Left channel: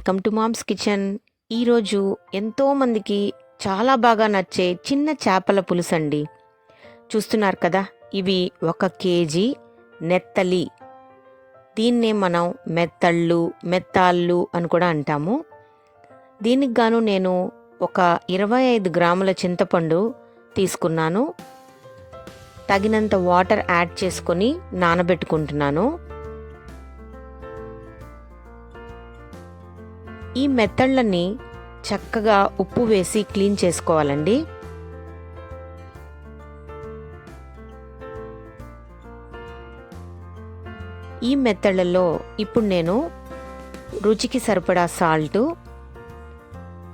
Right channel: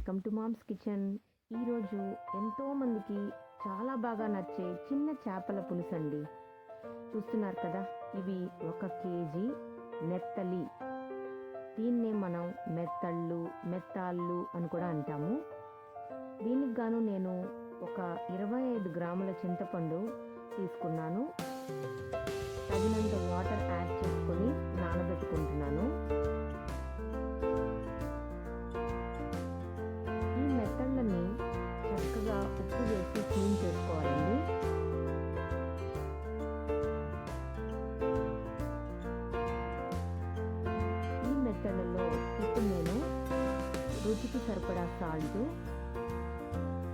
Welcome to moms kitchen. ఈరోజు ఎంతోమందికి చాలా బాగా నచ్చే చిన్న చేపల పులుసు అండి. చూస్తున్నారు కదా, ఇవి 1 కేజీ నెత్తలి. దీన్నే మనం మెత్తళ్ళు, మెత్తాళ్ళు అని కూడా అంటాము. దీనికి గాను నేను ఒక 25 గ్రాముల చింతపండు తీసుకున్నాను. తగినంత వాటర్ యాడ్ చేసుకొని నానబెట్టుకుంటున్నాను. ఈ మెత్తళ్ళని చక్కగా ఉప్పు వేసి క్లీన్ చేసుకోవాలండి. ఈ మెత్తళ్ళలో ఇప్పుడు నేను రుచికి సరిపడా సాల్టు,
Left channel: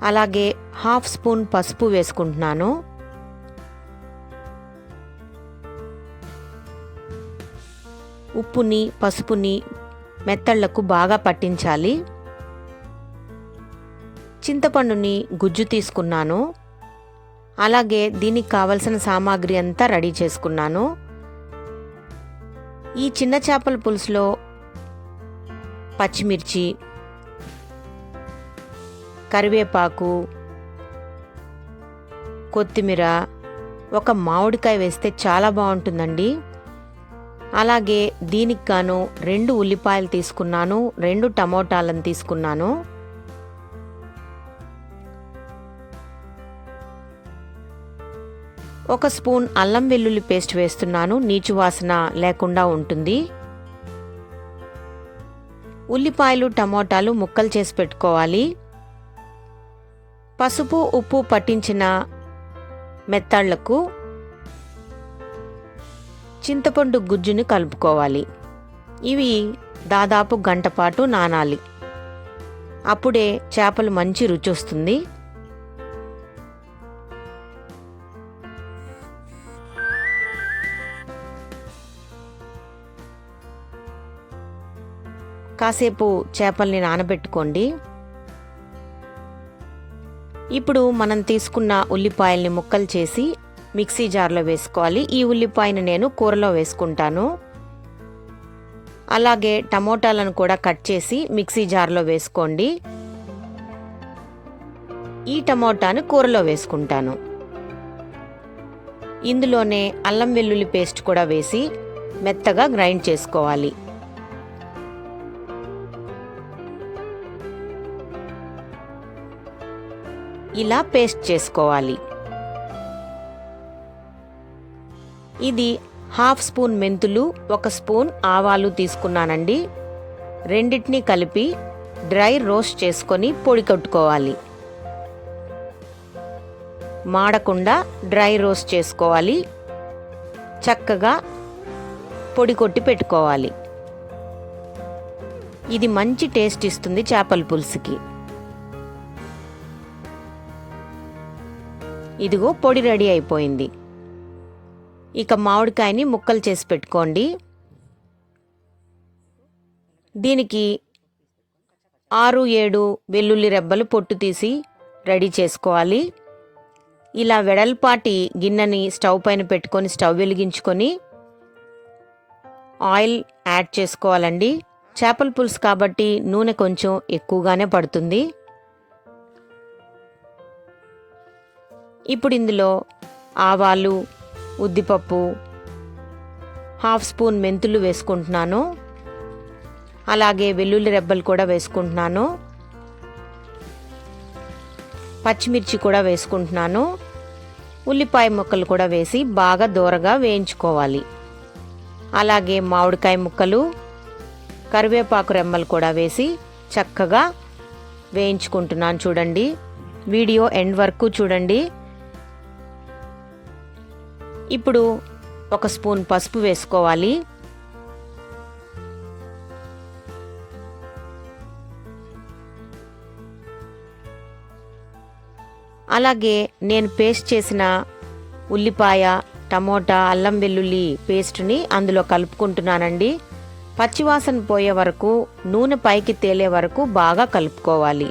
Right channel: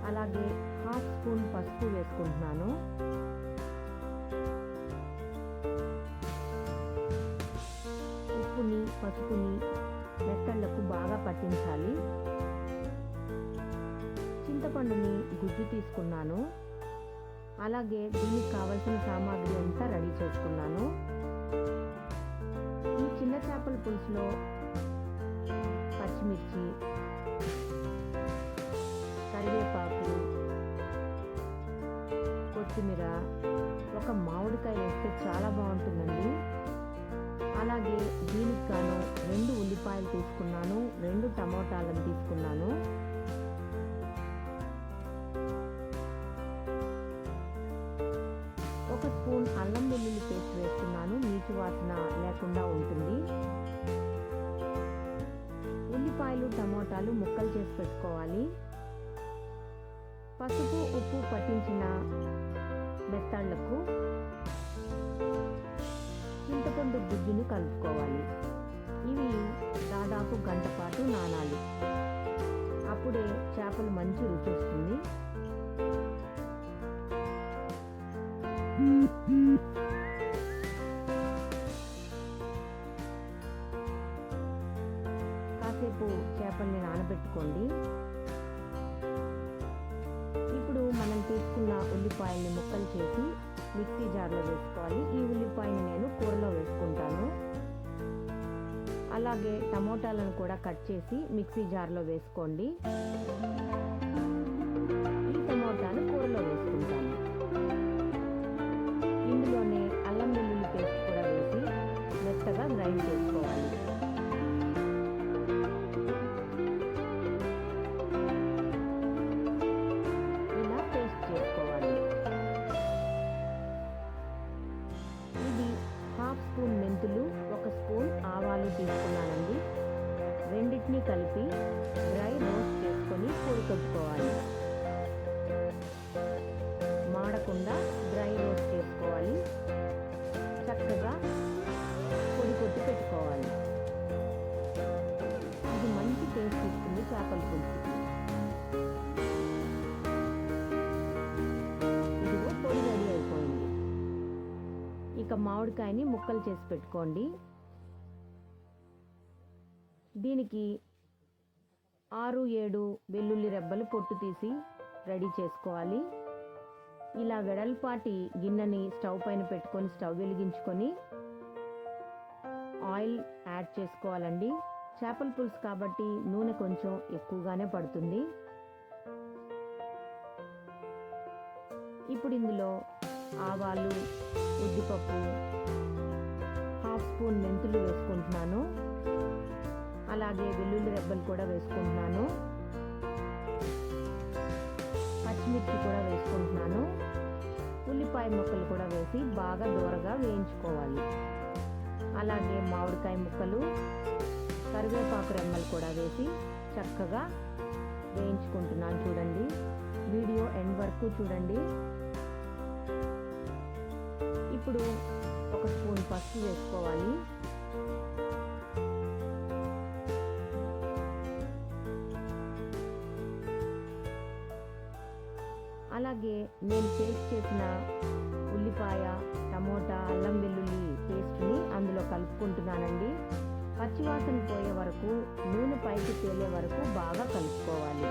అలాగే 1/2 స్పూన్ పసుపు వేసుకుంటున్నాను. ఉప్పుని పసుపుని మెత్తళ్లకు బాగా పట్టించాలి. చింతపండుని గుజ్జు తీసుకున్నాను. అలాగే దీనికి కావలసిన సామాగ్రి అంతా రెడీ చేసుకున్నాను. ఈ చిన్న చేపల పులుసులో పచ్చిమిర్చి, కరివేపాకు, కొత్తిమీర, ఒక మామిడికాయ వేస్తే చాలా బాగుంటుందండి. అలాగే దీనికి గాను 2 ఉల్లిపాయలు తీసుకున్నాను, 2 టమోటాలను తీసుకున్నాను. ఒక స్పూన్ అల్లం వెల్లుల్లి పేస్ట్ వేస్తున్నాను, నీచు వాసన లేకుండా ఉంటుంది. ఉల్లిపాయలు, టమోటాలు ముక్కలు చేసి పెట్టుకోవాలి. పసుపు, ఉప్పు పట్టించిన మెత్తళ్లకు చింతపండు గుజ్జుని కలుపుకోవాలి. ఇవి దాదాపు గంట పాటు నానాలి. అప్పుడే చేపలు మంచి రుచి వస్తుంది. కాసేపు చేపల్ని నానబెట్టుకోండి. ఇప్పుడు మనం తీసుకున్న ఉల్లిపాయల్ని ముక్కలు చేసి మిక్సీ జార్లో వేసుకోవాలి. ఈ ఉల్లిపాయని నేను కూరలో వేసుకుంటాను. అలాగే టమోటాలను కూడా కట్ చేసి మిక్సీ జార్లో వేసుకోండి. ఈ టమోటాను కూరలో వేసుకుంటాను. ఇందులోనే అల్లం వెల్లుల్లి పేస్ట్ కూడా వేసి మెత్తగా గ్రైండ్ చేసుకోవాలి. ఇలా పేస్ట్ చేసుకోవాలి. ఇది 1/2 స్పూన్ మెంతులు, 1 స్పూన్ ఆవాలు తీసుకున్నానండి. రెండింటినీ కలిపి డ్రై రోస్ట్ చేసుకొని పొడి కొట్టుకోవాలి. మాడకుండా డ్రై రోస్ట్ చేసుకోవాలి. చక్కగా పొడి కొట్టి పెట్టుకోవాలి. ఇది మంచి టేస్ట్ ఇస్తుంది చేపల పులుసుకి. ఇదిగో పొడి రెడీ అయిపోయింది. ఇక మామిడికాయని ముక్కలు చేసి పెట్టుకోండి. దీనికి 6-7 వెల్లుల్లి రెబ్బలు పొట్టు తీసి రెడీ చేసుకోవాలి. ఇలా వెడల్పాటి గిన్నెని స్టవ్ పైన పెట్టుకొని స్టవ్ వెలిగించుకొని ఆయిల్ యాడ్ చేసుకోవాలండి. చేపల పులుసు కాబట్టి నూనె కొంచెం ఎక్కువగానే పడుతుంది. ఇప్పుడు ఇందులో ఆవాలు, ఉద్దిపప్పు, 1/2 స్పూన్ మెంతులు వేసుకుంటున్నాను. అలాగే వెల్లుల్లి రెబ్బలు కూడా వేసుకుంటున్నాను. పచ్చిమిర్చి కూడా వేసుకుంటున్నాను. ఉల్లిపాయ ముక్కలు కూడా వేసి బాగా దోరగా వేయించుకోవాలి. అలాగే మామిడికాయ ముక్కలు, కరివేపాకు రెమ్మలు కూడా వేసి చక్కగా వేయించుకుంటున్నాను. చూడండి, వీడియో ఎండ్ వరకు చూడండి. ఇప్పుడు 1 స్పూన్ పసుపు వేసుకోవాలి. అలాగే నేను పేస్ట్ చేసిన ఉల్లిపాయ, టమోటా, అల్లం వెల్లుల్లి పేస్ట్ని అందులో కలుపుకుంటున్నానండి. పచ్చివాసన పోయే వరకు, నూనె పైకి తేలే వరకు బాగా కలుపుకోవాలి.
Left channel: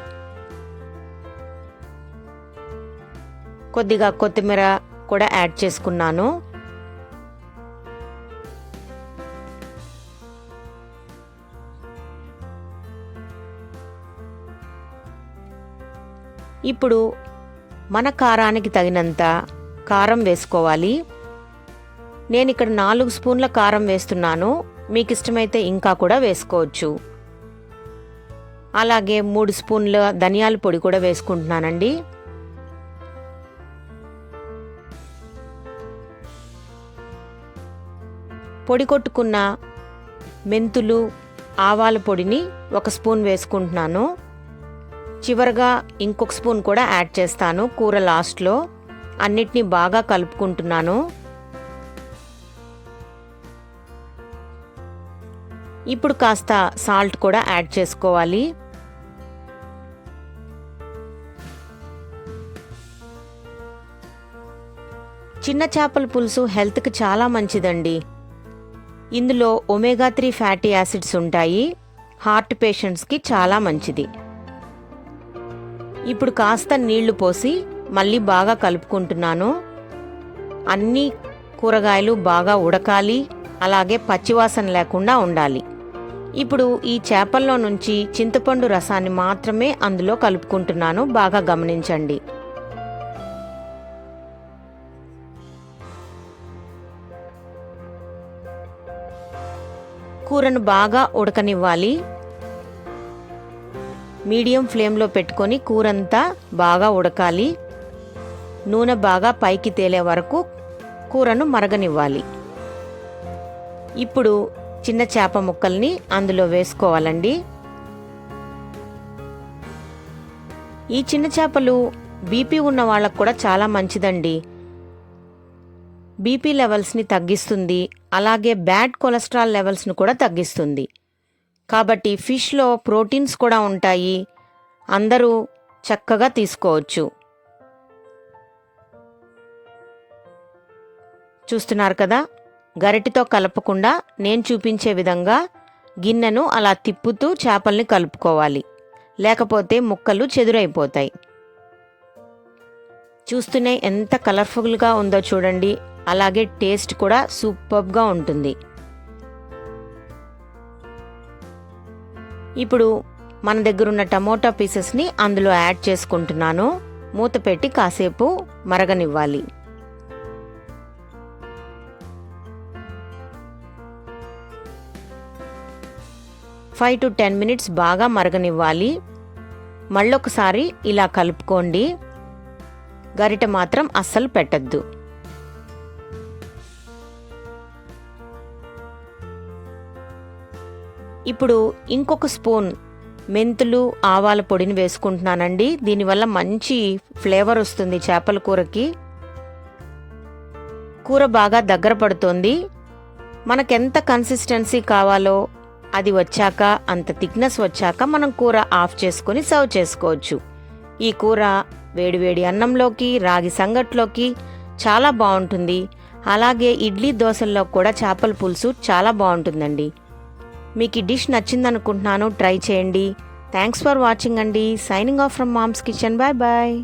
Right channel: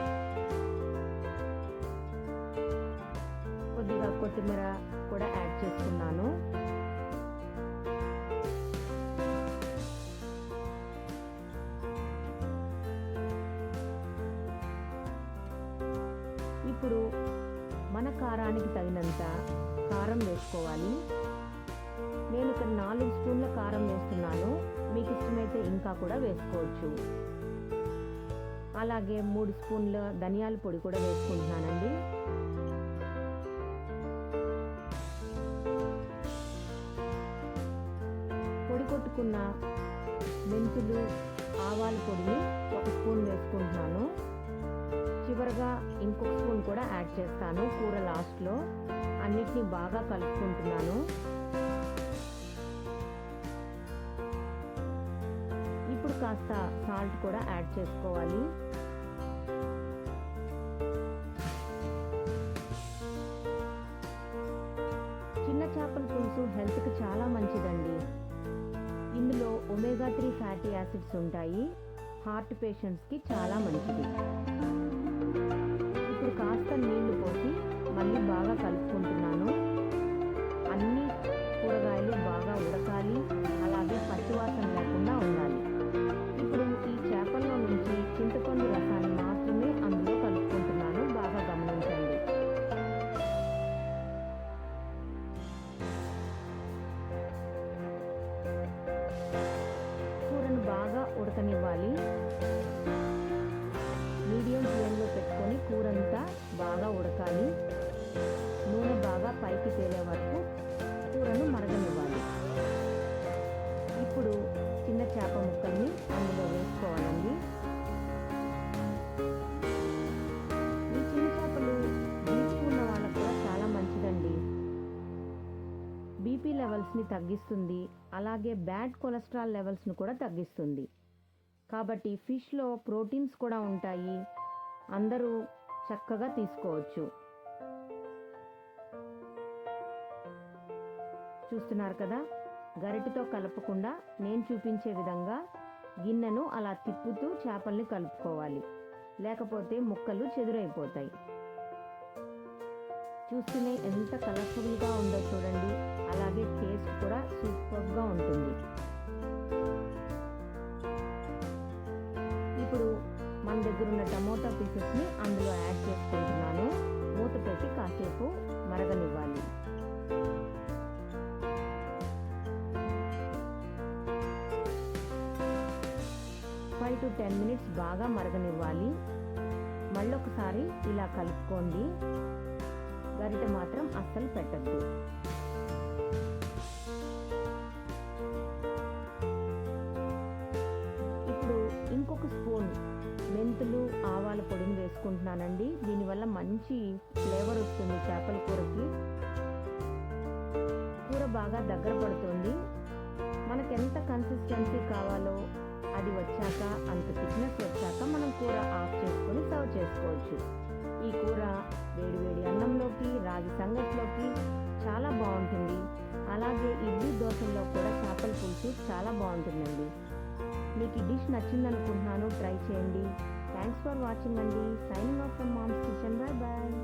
కొద్దిగా కొత్తిమీర కూడా యాడ్ చేసుకున్నాను. ఇప్పుడు మన కారానికి తగినంత కారం వేసుకోవాలి. నేను ఇక్కడ 4 స్పూన్ల కారం వేస్తున్నాను. మీకు ఇష్టమైతే ఇంకా కూడా వేసుకోవచ్చు. అలాగే 3 స్పూన్ల ధనియాల పొడి కూడా వేసుకుంటున్నానండి. పొడి కొట్టుకున్న మెంతులు, ఆవాల పొడిని 1 స్పూన్ వేసుకుంటున్నాను. చివరగా ఇంకొక స్పూన్ కూడా యాడ్ చేస్తాను కూర లాస్ట్లో. అన్నిటినీ బాగా కలుపుకుంటున్నాను. ఇప్పుడు కాస్త సాల్ట్ కూడా యాడ్ చేసుకోవాలి. చిన్న చేపల పులుసు హెల్త్కి చాలా మంచిదండి. ఇందులో ఒమేగా 3 ఫ్యాటీ యాసిడ్స్ ఉంటాయి. హార్ట్ పేషెంట్స్కి చాలా మంచిది. ఇప్పుడు కాస్త నీళ్లు పోసి మళ్ళీ బాగా కలుపుకుంటున్నాను. అన్ని కూరగాయలు బాగా ఉడకాలి, అలాగే పచ్చివాసన లేకుండా ఉండాలి. ఇప్పుడు ఈ చేపల్లో నుంచి చింతపండు రసాన్ని మాత్రమే అందులో కలుపుకుంటున్నాను. బాగా గమనించండి. కూరను బాగా ఉడకనివ్వాలి. మీడియం ఫ్లేమ్లో పెట్టుకొని కూరంతా బాగా ఉడకాలి. నూనె బాగా పైకి తేలే వరకు కూరను మరగనివ్వాలి. ఇప్పుడు చిన్న చేప ముక్కల్ని అందులో వేసుకోవాలండి. ఈ చిన్న చేపలు బీపీ ఉన్న వాళ్ళకు కూడా చాలా మంచిదండి. బీపీ లెవెల్స్ని తగ్గిస్తుంది, అలాగే బ్యాడ్ కొలెస్ట్రాల్ లెవెల్స్ను కూడా తగ్గిస్తుంది. కాబట్టి ఫిష్లో ప్రోటీన్స్ కూడా ఉంటాయి. అందరూ చక్కగా తీసుకోవచ్చు. చూస్తున్నారు కదా, గరిటెతో కలపకుండా నేను చూపించే విధంగా గిన్నెను అలా తిప్పుతూ చేపల్ని కలుపుకోవాలి. లేకపోతే ముక్కలు చెదురైపోతాయి. చూస్తూనే ఎంత కలర్ఫుల్గా ఉందో చూడండి. అలాగే టేస్ట్ కూడా సూపర్గా ఉంటుంది. ఇప్పుడు మన దగ్గర ఉన్న టమోటా పీసెస్ని అందులో యాడ్ చేసుకుంటున్నాను. మూత పెట్టి కాసేపు మరగనివ్వాలి. 5 to 10 minutes బాగా మరగనివ్వాలి. మళ్ళొకసారి ఇలా కలుపుకోండి. గరిట మాత్రం అస్సలు పెట్టద్దు. ఇప్పుడు ఇంకొక స్పూన్ మెంతులు, ఆవాల పొడిని వేసుకుంటున్నానండి. దీనివల్ల మంచి ఫ్లేవర్ వస్తుంది చేపల కూరకి. కూర బాగా దగ్గర పడుతోంది. మనకెంత కన్సిస్టెన్సీ కావాలో అది వచ్చాక, అంత థిక్నెస్ వచ్చాక మనం కూర ఆఫ్ చేసుకొని సర్వ్ చేసుకోవచ్చు. ఈ కూర వేడివేడి అన్నంలోకి, రాగి సంగట్లోకి చాలా బాగుంటుంది. అలాగే ఇడ్లీ, దోశల్లో కూడా చేపల పులుసు చాలా బాగుంటుందండి. మీకు ఈ డిష్ నచ్చిందనుకుంటున్నాను. ట్రై చేయండి. థ్యాంక్స్ ఫర్ వాచింగ్ అండి. Signing off from mom's kitchen. Bye bye.